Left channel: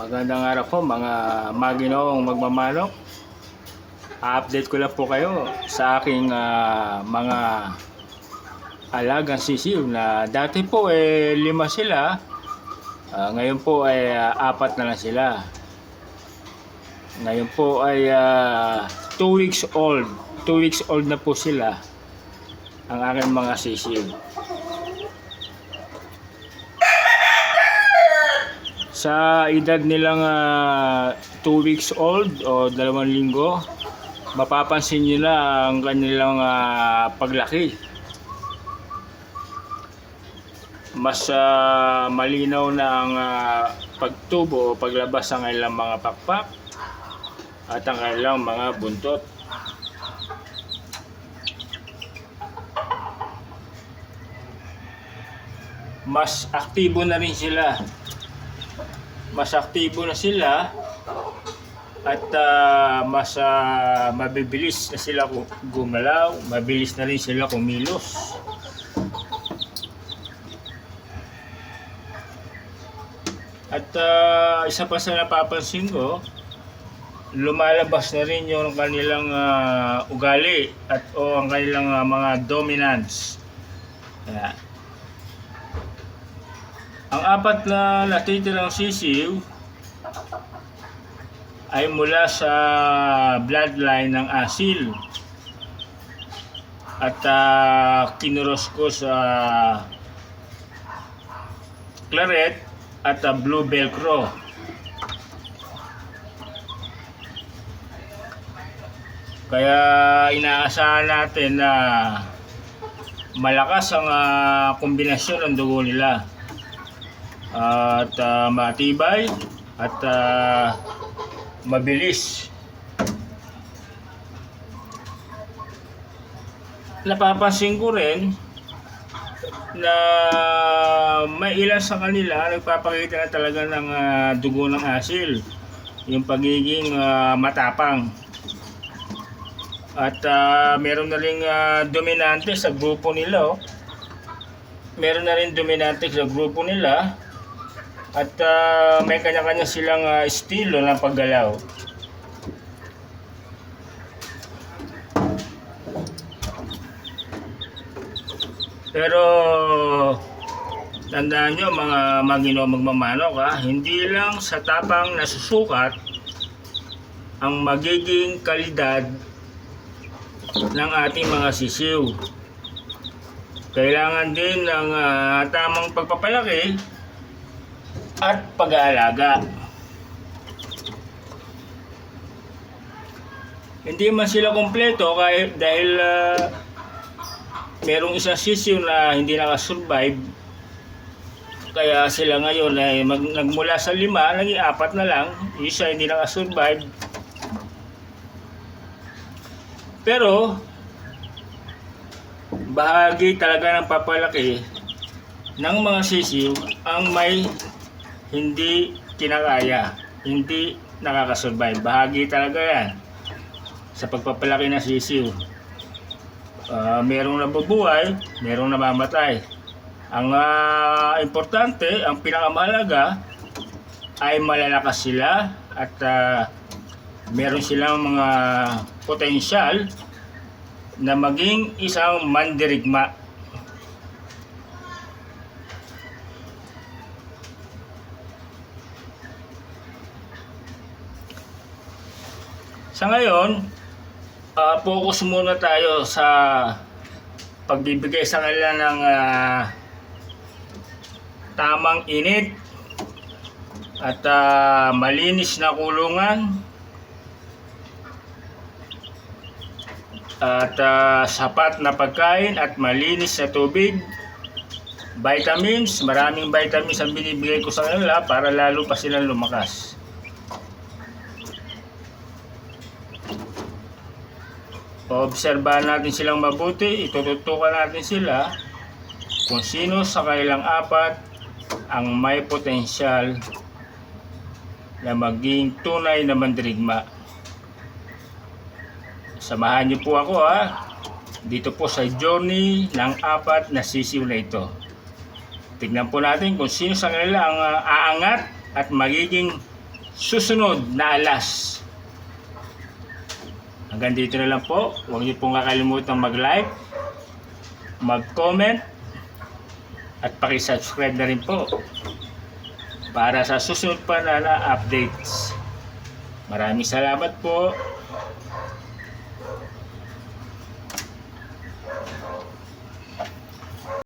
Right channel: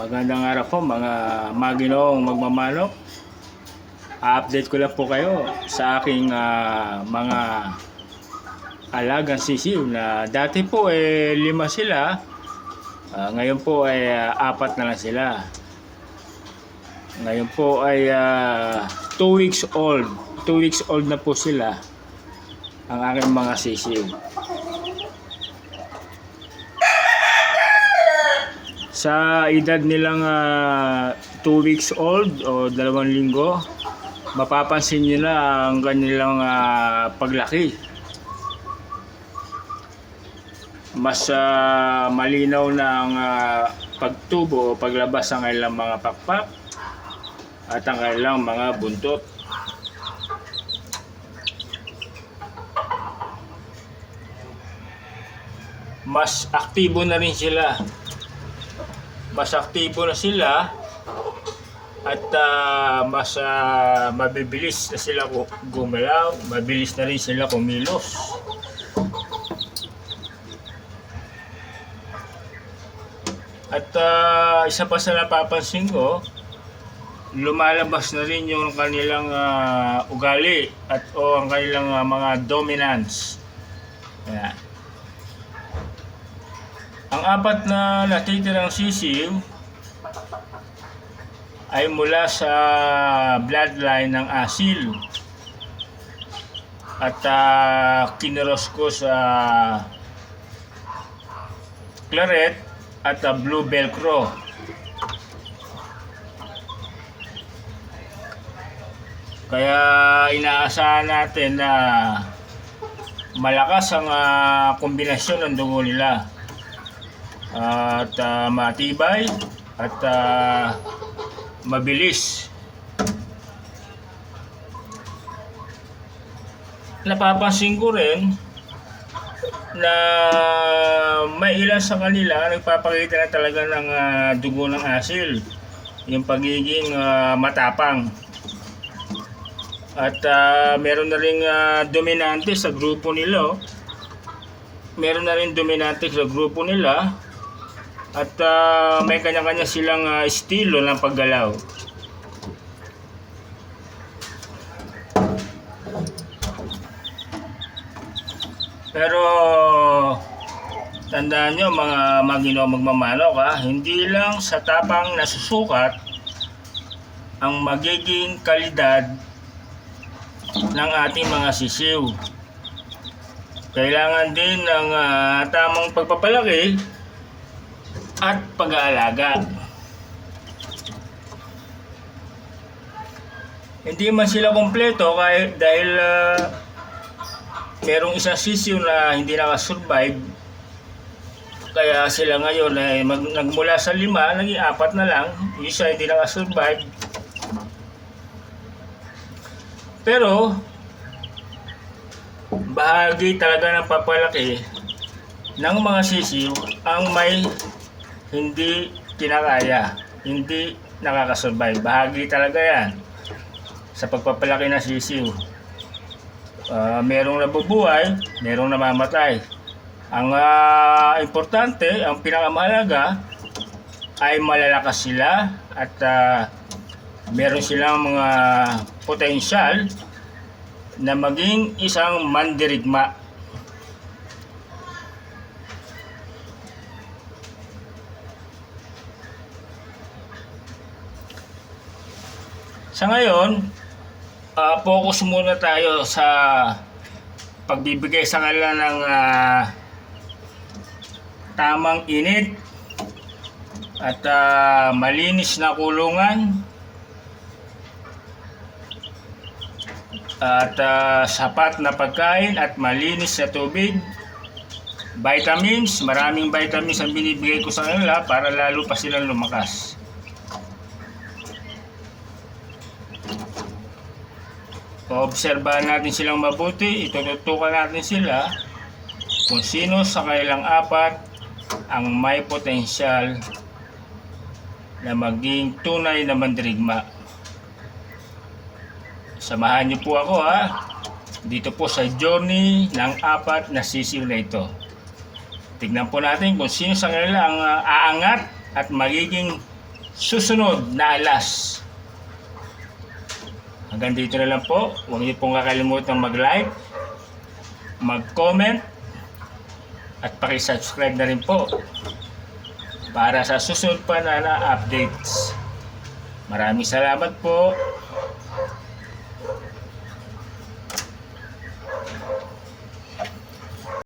Magandang araw po mga maginoong magmamanok. Update ko lang po kayo sa aking mga alagang sisiw na dati po 5 sila. Ngayon po ay 4 na lang sila. Ngayon po ay 2 weeks old. 2 weeks old na po sila ang aking mga sisiw. Sa edad nilang 2 weeks old o 2 linggo, mapapansin nyo na ang kanilang paglaki. Mas malinaw na ang pagtubo o paglabas ng kanilang mga pakpak at ang kanilang mga buntot. Mas aktibo na rin sila. Mas aktibo na sila at mas mabibilis na sila gumalaw, mabilis na rin sila kumilos. At isa pa sa napapansin ko, lumalabas na rin yung kanilang ugali at ang kanilang mga dominance. Yan. Ang 4 na natitirang sisiw ay mula sa bloodline ng asil at kiniros ko sa claret at blue velcro. Kaya inaasahan natin na malakas ang kombinasyon ng dugo nila. At matibay at mabilis. Napapansin ko rin na may ilan sa kanila nagpapakita na talaga ng dugo ng asil, yung pagiging matapang. At meron na ring dominante sa grupo nila. Meron na rin dominante sa grupo nila. At may kanya-kanya silang estilo ng paggalaw. Pero tandaan nyo mga maginoong magmamanok, hindi lang sa tapang nasusukat ang magiging kalidad ng ating mga sisiw. Kailangan din ng tamang pagpapalaki at pag-aalaga. Hindi man sila kumpleto dahil merong isang sisiw na hindi nakasurvive. Kaya sila ngayon ay nagmula sa 5, naging 4 na lang. Isa hindi nakasurvive. Pero bahagi talaga ng papalaki ng mga sisiw ang may hindi kinakaya, hindi nakakasurvive. Bahagi talaga yan sa pagpapalaki ng sisiw. Merong nabubuhay, merong namamatay. Ang importante, ang pinakamahalaga ay malalakas sila at meron silang mga potensyal na maging isang mandirigma. Sa ngayon, focus muna tayo sa pagbibigay sa kanila ng tamang init at malinis na kulungan at sapat na pagkain at malinis na tubig. Vitamins, maraming vitamins ang binibigay ko sa kanila para lalo pa silang lumakas. Obserbahan natin silang mabuti, itututukan natin sila kung sino sa kanilang 4 ang may potensyal na maging tunay na mandirigma. Samahan niyo po ako dito po sa journey ng 4 na sisiw na ito. Tignan po natin kung sino sa kanila ang aangat at magiging susunod na alas. Hanggang dito na lang po. Huwag niyo pong kakalimutan mag-like, mag-comment, at paki-subscribe na rin po para sa susunod pa na updates. Maraming salamat po.